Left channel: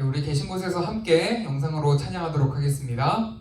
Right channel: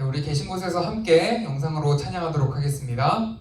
네, 우리 계신 곳에서 함께 영상으로 찬양하도록 하겠습니다.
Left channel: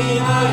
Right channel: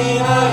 Hare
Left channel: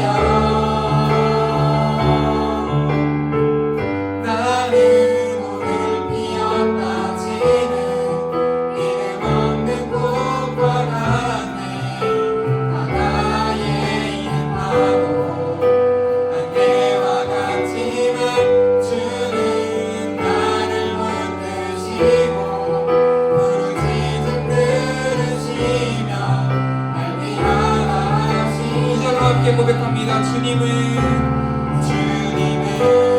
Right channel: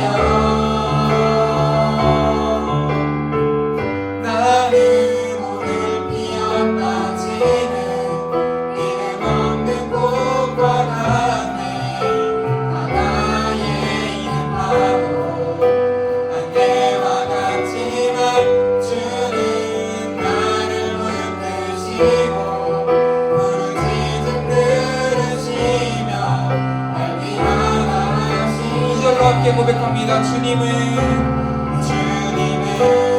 주님은 주님은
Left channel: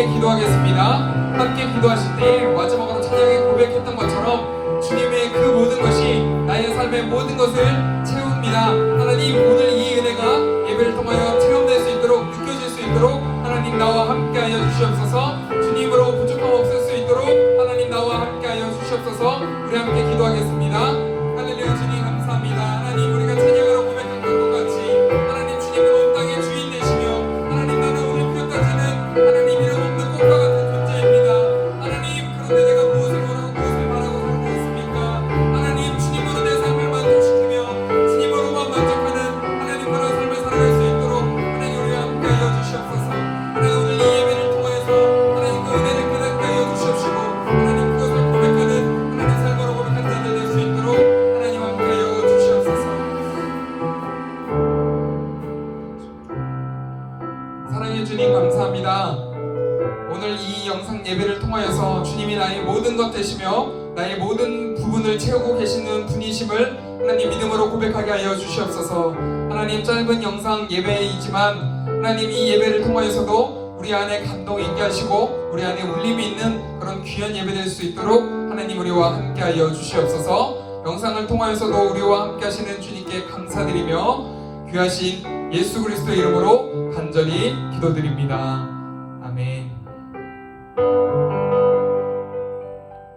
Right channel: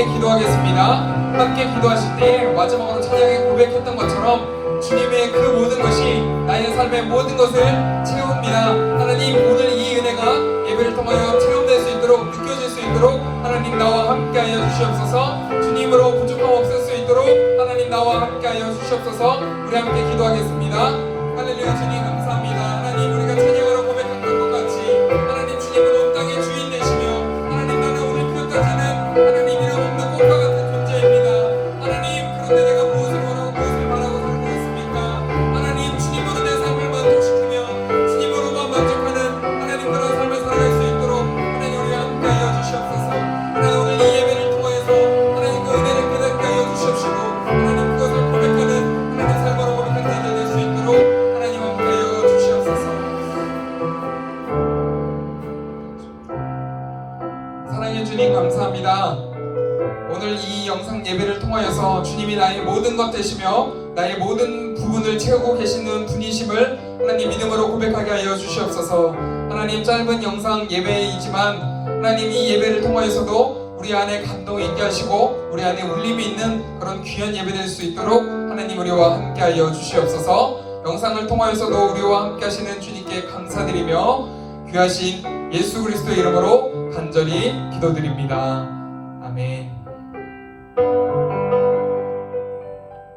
함께 기도하겠습니다. 함께 기도하실 때 마지막으로 찬양에 고백했던 것처럼 주님의 그 모든 것이 나의 삶의 모든 것을 채웁니다. 하나님 오늘 이 은혜가 예배를 통하여 체험될 수 있도록 느껴질 수 있도록 하나님 나와 함께하여 주시옵소서 주님으로 부족함 없을 수 있도록 하나님 나와 함께하여 주시옵소서 우리 함께 기도하겠습니다. 할렐루야 주님. 영상 예배를 통하여서 주님이 나의 모든 것 되시며 나의 모든 부분을 채우고 계시는 분이심을 하나님 믿음으로 고백하게 하여 주시옵소서. 하나님 짧은 영상 예배이지만 하나님 이 예배를 통하여서도 우리 안에 감동이 있게 하시고 우리 안에 울림이 있는 그런 귀한 예배 될 수 있도록 하나님 우리와 함께 하여 주시옵소서. 영상을 통하여서도 우리와 함께 하시는 주님께 감사드리며 귀하신 예수 그리스도 이름으로 간절히 기도드립니다. 아멘.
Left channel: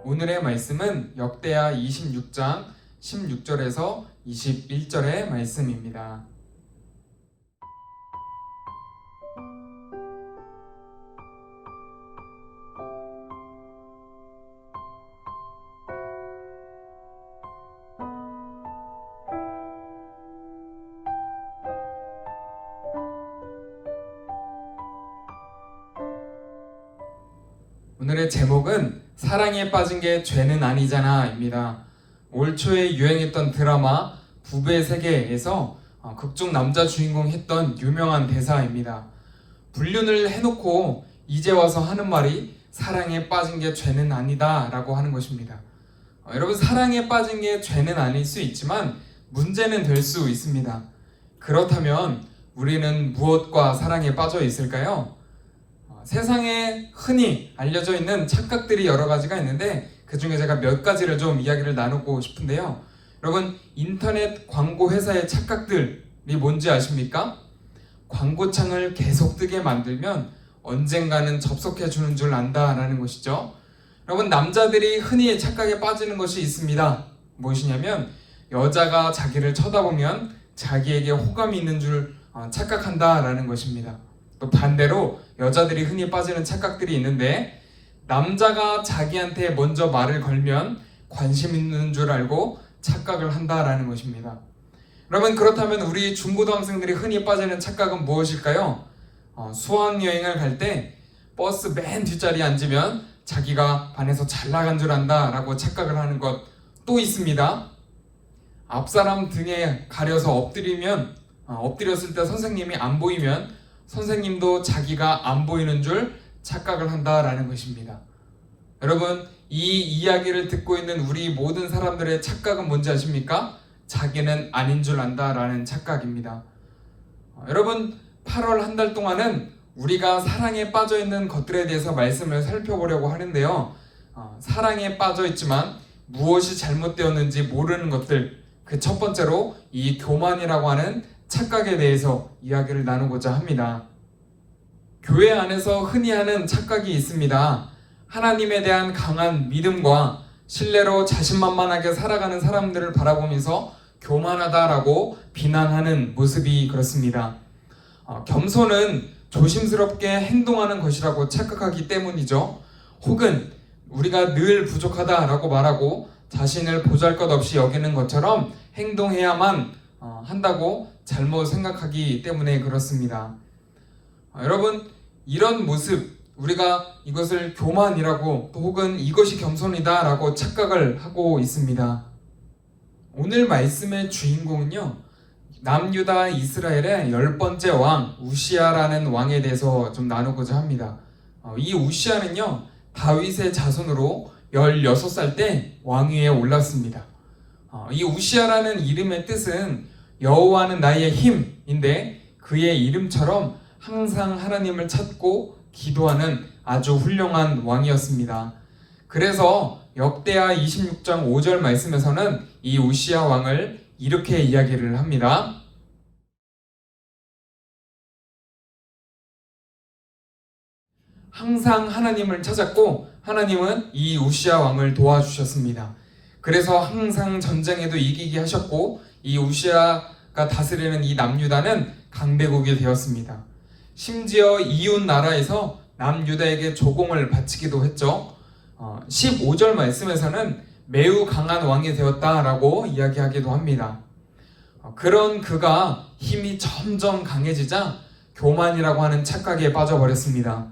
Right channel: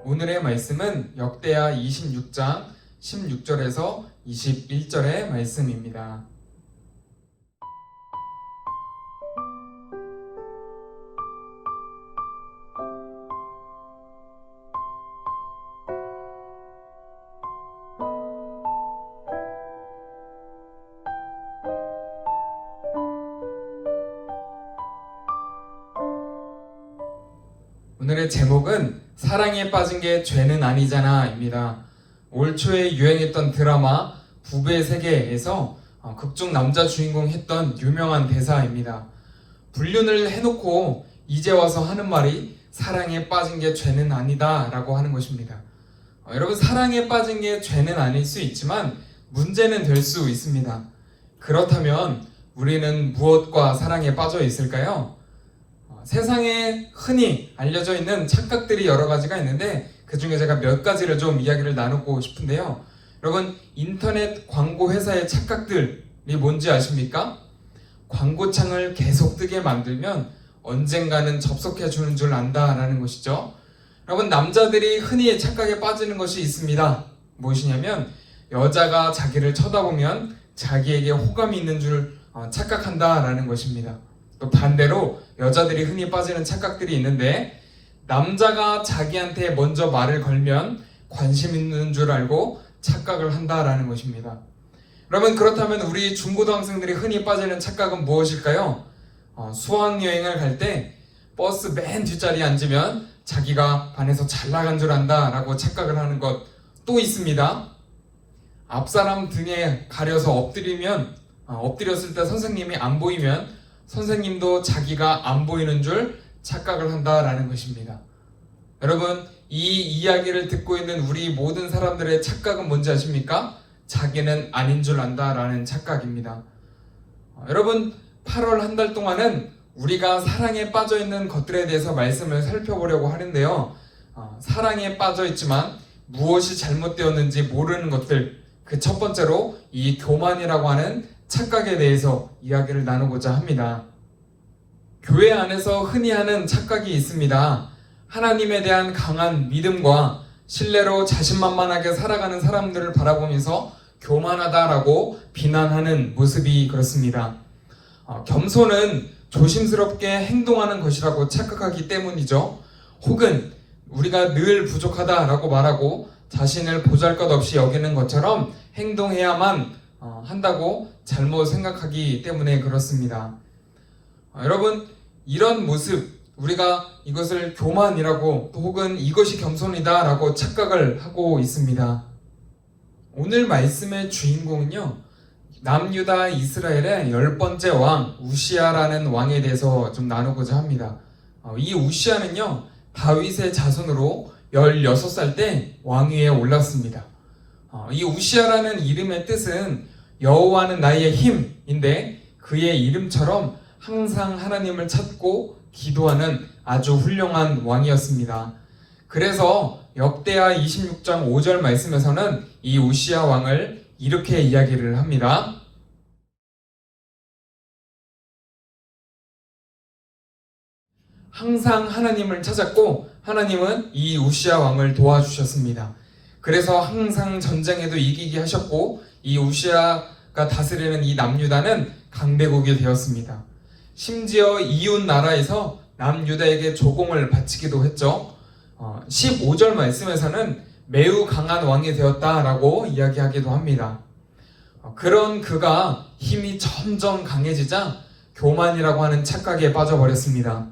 오늘의 말씀은 역대하 26장 16절에서 21절의 말씀입니다. 빠진 게 죄는 아니잖아입니다. 올 초에 유행했던 드라마 부부의 세계에서 어, 극중 남자 주인공 했던 유명한 대사입니다. 불륜을 해놓고 이제 와서 하는 말이 사랑에 빠진 게 죄는 아니다 라고 하는 것입니다. 어, 여러분 사랑에 빠진 게 죄는 아닐 수 있지만 문제는 될 수 있습니다. 그렇다면 우리는 무엇과 사랑에 빠져 있을까요? 어, 세상에 흔히 알려져 있는 착각들이 여러 가지가 있는데 그 중에 제가 몇 가지를 좀 이야기를 나누고 싶은데요. 여러분 인터넷 광고 회사의 착각들이 뭔지 아십니까? 광고창을 계속 뜨게 만들면 언젠가는 접속해 주는 줄 안다라는 것이죠. 여러분 남자들이 흔히 착각에 빠지는 것이 있습니다. 무엇이냐면 여자가 자기를 쳐다보면 자기에게 호감이 있는 줄 어, 착각한다라는 것입니다. 또 반대로 여자들이 흔히 빠지는 착각들이 있는데 남자가 자기한테 먼저 말을 걸면 관심 있는 줄 알고 착각을 한다라는 것입니다. 그러면 그렇다면 우리 중고등학생들이 흔히 빠지는 착각은 무엇일까요? 어, 수학여행을 갈 때 버스 맨 뒷자리에 앉으면 자기가 반에서 잘 나간 줄 안다라고 착각을 하는 것 또 있습니다. 앞사람 등에 가려서 엎드리면 어, 엎드렸을 때 선생님이 안 보이면 선생님도 자기가 안 보이는 줄 착각을 한다라는 것입니다. 여러분, 이 이야기를 듣고 있는 우리 모든 사람들의 착각은 뭔지 아십니까? 자기는 아닌 줄 안다라는 착각입니다. 어, 여러분, 8월 한 달 동안은 우리가 사랑에 빠져 있는 것들에 대해서 말씀을 살펴보려고 하는데요. 어, 사랑에 빠져 있지만 무엇이 잘못되었는지 모르는 것들, 그 첫 번째로 이 교만이라고 하는 착각에 대해서 이야기를 나누고자 합니다. 교회 안에서 흔히 하는 착각이 있습니다. 하나님에 대한 강한 믿음과 신뢰로 자신만만하게 살아가는 사람들을 바라보면서 교만하다라고 비난하는 모습이 그렇습니다. 어, 겸손은 조심스럽게 행동하는 것이라고 착각하기 때문이죠. 혹은 우리가 늘 부족하다라고 말하고 자신을 보잘 것 없이 여기는 것처럼 행동해야만 어, 한다고 잘못 생각하기 때문에 그렇습니다. 어, 여러분 이런 모습 우리가 이것을 교만이라고 또 혹은 이것이 겸손이다라고 착각을 하고 있습니다. 오늘 말씀의 주인공은요 남유다 이스라엘의 열 번째 왕 우시아라는 왕에 대해서 좀 나누고자 합니다. 어, 이 우시아는요 다윗의 자손으로 16살 때 왕위에 올랐습니다. 어, 이 우시아라는 이름의 뜻은 여호와는 나의 힘인데 그의 이름처럼 항상 하나님을 찾고 기도하는 아주 훌륭한 왕이었습니다. 그래서 역대하 26장 5절 말씀에서는 이 우시아 왕을 이렇게 이야기를 합니다. 항상 하나님을 찾았고 하나님은 이 우시아 왕을 도와주셨습니다. 그래서 항상 전쟁에도 이기게 하셨고 이 우시아가 다스리는 이 남유다는 강대국이 되었습니다. 심지어 이웃 나라에서 남유다에게 조공을 바치기도 했죠. 어, 15절 말씀에서는 매우 강한 왕이 되었다라고 이야기하기도 합니다. 어, 그런 그가 힘이 점점 강해지자 교만이라고 하는 착각에 빠져버렸습니다.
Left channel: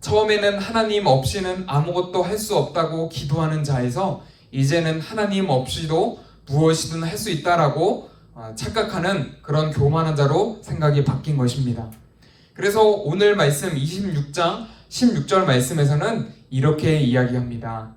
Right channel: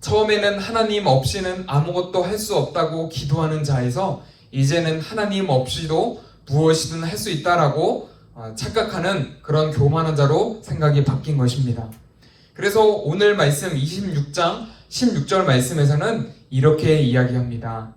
처음에는 하나님 없이는 아무것도 할 수 없다고 기도하는 자에서 이제는 하나님 없이도 무엇이든 할 수 있다라고 어, 착각하는 그런 교만한 자로 생각이 바뀐 것입니다. 그래서 오늘 말씀 26장 16절 말씀에서는 이렇게 이야기합니다.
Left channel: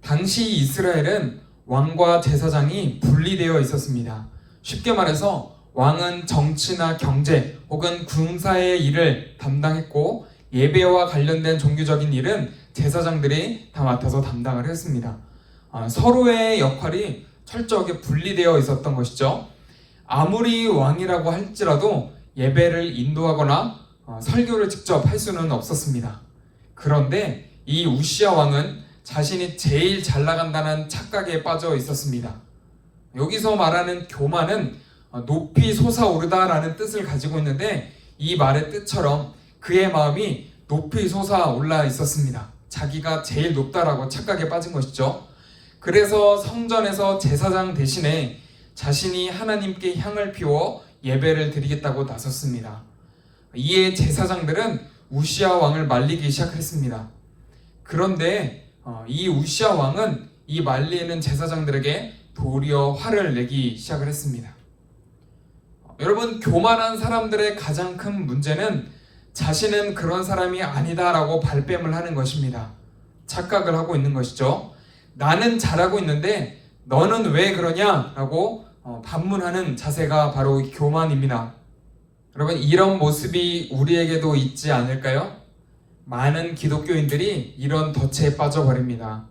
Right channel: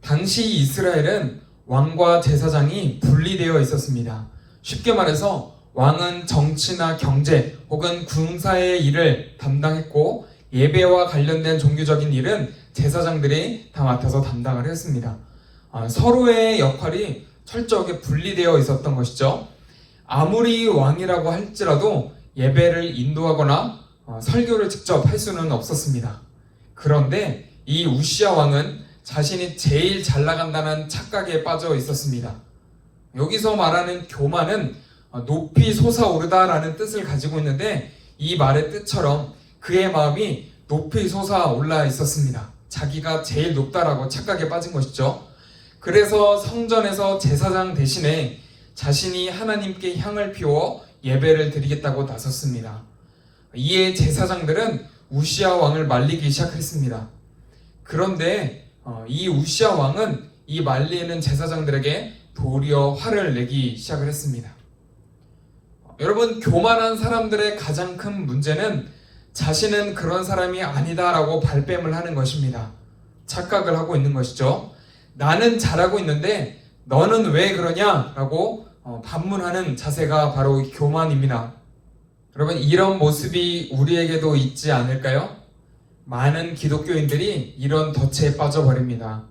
당시 이스라엘은 왕과 제사장이 분리되어 있었습니다. 쉽게 말해서 왕은 정치나 경제 혹은 군사의 일을 담당했고 예배와 관련된 종교적인 일은 제사장들이 다 맡아서 담당을 했습니다. 아, 서로의 역할이 철저하게 분리되어 있었던 것이죠. 아무리 왕이라고 할지라도 예배를 인도하거나 어, 설교를 직접 할 수는 없었습니다. 그런데 이 우시아 왕은 자신이 제일 잘 나간다는 착각에 빠져 있었습니다. 여기서 말하는 교만은 어, 높이 솟아오르다라는 뜻을 가지고 있는데 이 말의 뜻처럼 그의 마음이 높이 솟아올라 있었습니다. 자기가 제일 높다라고 착각에 빠진 것이죠. 그래서 성전에서 제사장 대신에 자신이 하나님께 향을 피워 예배를 드리겠다고 나섰습니다. 이에 제사장들은 우시아 왕을 말리기 시작했습니다. 그런데 어, 이 우시아 왕은 이 말리는 제사장들에게 도리어 화를 내기 시작을 했습니다. 어, 여러분 교만한 사람들의 가장 큰 문제는 자신은 그런 사람이 아니다라고 발뺌을 하는 것입니다. 착각을 하고 있는 것이죠. 나는 잘하고 있는데 너는 왜 그러냐라고 어, 반문하는 자세가 바로 교만입니다. 여러분 이런 모습이 우리에게도 있지 않을까요? 많은 기독교인들이 이런 덫에 빠져버립니다.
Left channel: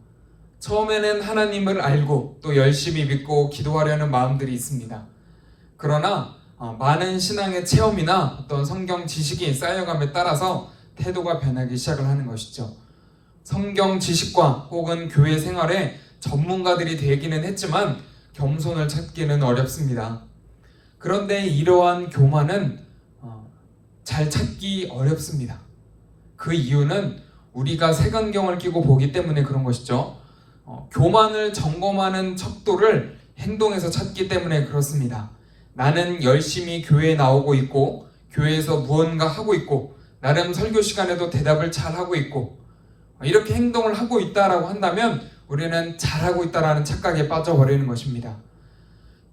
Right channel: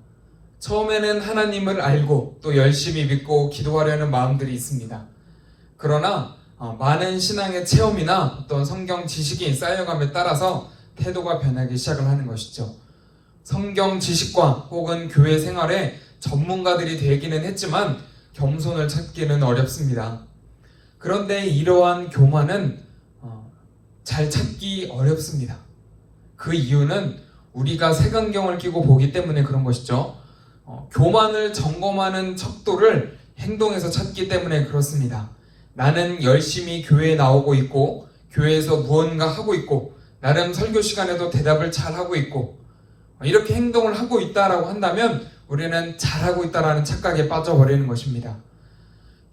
처음에는 하나님을 알고 또 열심히 믿고 기도하려는 마음들이 있습니다. 그러나 어, 많은 신앙의 체험이나 어떤 성경 지식이 쌓여감에 따라서 태도가 변하기 시작을 하는 것이죠. 성경 지식과 혹은 교회 생활에 전문가들이 되기는 했지만 겸손을 찾기는 어렵습니다. 그런데 이러한 교만은 어, 잘 찾기 어렵습니다. 그 이유는 우리가 색안경을 끼고 보기 때문에 그런 것이죠. 어, 교만을 점검하는 척도를 행동에서 찾기 때문에 그렇습니다. 나는 열심히 교회에 나오고 있고 교회에서 무언가 하고 있고 나름 설교 시간에도 대답을 잘 하고 있고 이렇게 행동을 하고 있다라고 한다면 우리는 잘하고 있다라는 착각에 빠져버리는 것입니다.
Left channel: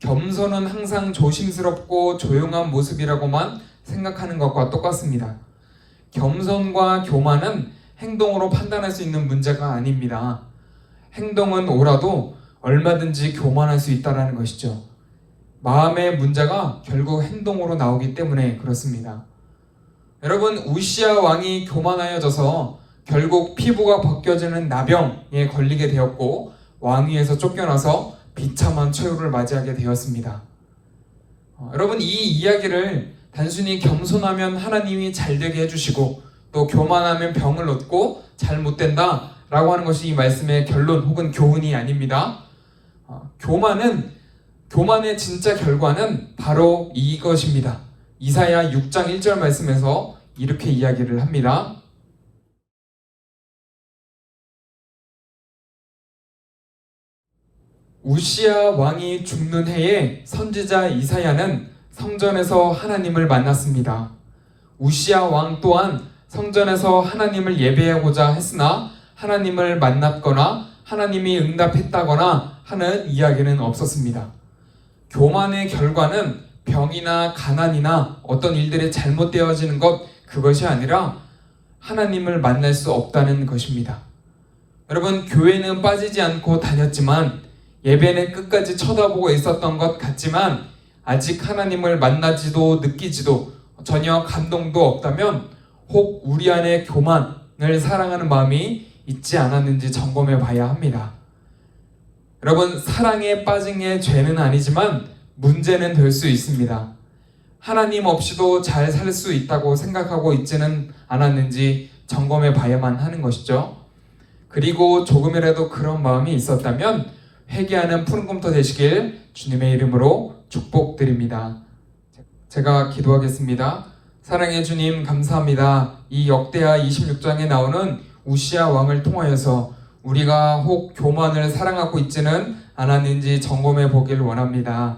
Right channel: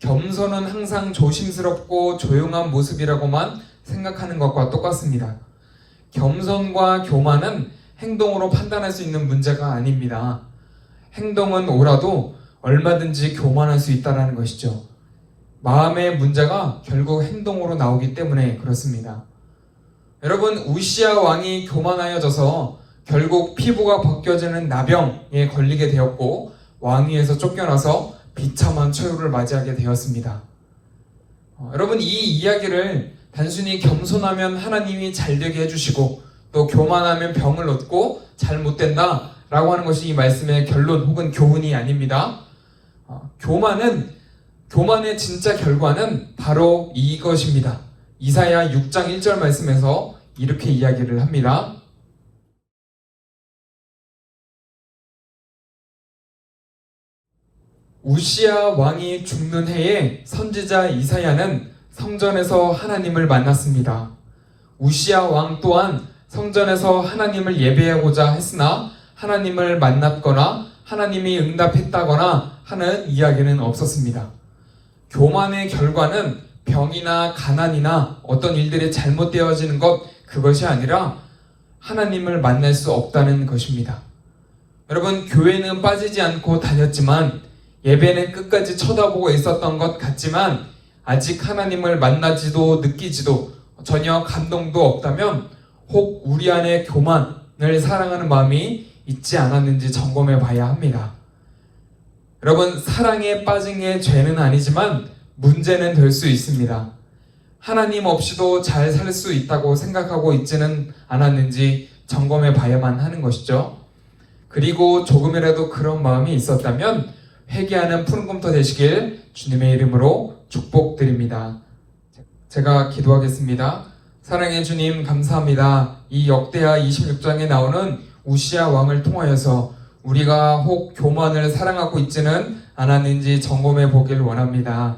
겸손은 항상 조심스럽고 조용한 모습이라고만 생각하는 것과 똑같습니다. 겸손과 교만은 행동으로 판단할 수 있는 문제가 아닙니다. 행동은 오라도 얼마든지 교만할 수 있다는 것이죠. 마음의 문제가 결국 행동으로 나오기 때문에 그렇습니다. 여러분 우시아 왕이 교만하여져서 결국 피부가 벗겨지는 나병에 걸리게 되었고 왕위에서 쫓겨나서 비참한 최후를 맞이하게 되었습니다. 어, 여러분 이 이야기를 단순히 겸손하면 하나님이 잘 되게 해주시고 또 교만하면 병을 얻고 잘 못된다 라고 하는 것이 이 말씀의 결론 혹은 교훈이 아닙니다. 어, 교만은 교만의 진짜 결과는 바로 이것입니다. 이사야 6장 1절 말씀에서 이렇게 이야기를 합니다. 우시아 왕이 죽는 해에 선지자 이사야는 성전에서 하나님을 만났습니다. 우시아 왕 또한 성전에서 하나님을 예배하고자 했으나 하나님을 만났거나 하나님이 응답했다거나 하는 이야기는 없었습니다. 교만의 결과는 병이나 가난이나 어떤 일들이 잘못되어지는 것 그것이 아니라 하나님을 만날 수 없다는 것입니다. 여러분 교회는 빠지지 않고 다녔지만 예배는 끝까지 쳐다보고 있었던 것 같지만 아직 하나님을 만나지도 느끼지도 전혀 감동도 없다면 혹 우리 안에 교만을 사랑하는 마음이 있지 않았는지 점검해 봐야 합니다. 여러분, 사랑에 빠진 게 죄는 아니지만 문제는 될 수 있습니다. 하나님 없이도 잘 살 수 있다고 생각하고 있지는 않았는지 점검해 봐야만 하는 것이죠. 그리고 조금이라도 그런 마음이 있었다면 회개하는 푸른 꿈터 되시길 주님의 이름으로 축복드립니다. 제가 기도하겠습니다. 사랑의 주님 감사합니다. 이 역대하 26장에 나오는 우시아 왕을 통하여서 우리가 혹 교만을 사랑하고 있지는 않았는지 점검해 보길 원합니다.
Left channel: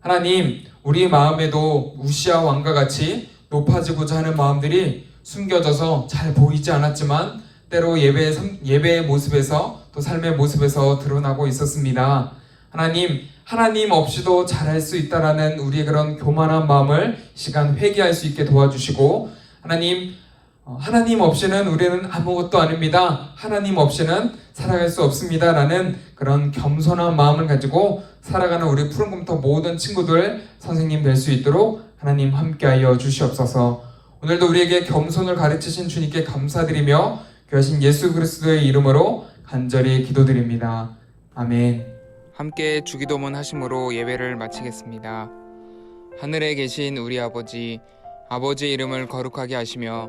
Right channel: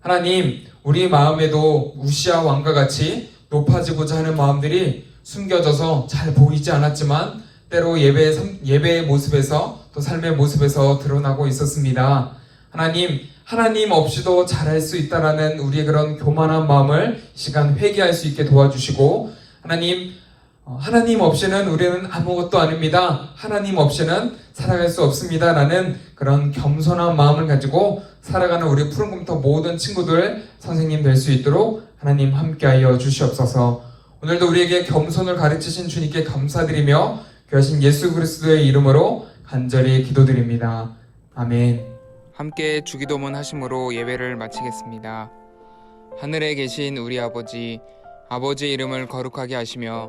하나님, 우리 마음에도 우시아 왕과 같이 높아지고자 하는 마음들이 숨겨져서 잘 보이지 않았지만 때로 예배, 예배의 모습에서 또 삶의 모습에서 드러나고 있었습니다. 하나님, 하나님 없이도 잘할 수 있다라는 우리의 그런 교만한 마음을 이 시간 회개할 수 있게 도와주시고 하나님, 어, 하나님 없이는 우리는 아무것도 아닙니다. 하나님 없이는 살아갈 수 없습니다 라는 그런 겸손한 마음을 가지고 살아가는 우리 푸른금터 모든 친구들 선생님 될 수 있도록 하나님 함께하여 주시옵소서. 오늘도 우리에게 겸손을 가르치신 주님께 감사드리며 귀하신 예수 그리스도의 이름으로 간절히 기도드립니다. 아멘. 함께 주기도문 하심으로 예배를 마치겠습니다. 하늘에 계신 우리 아버지, 아버지의 이름을 거룩하게 하시며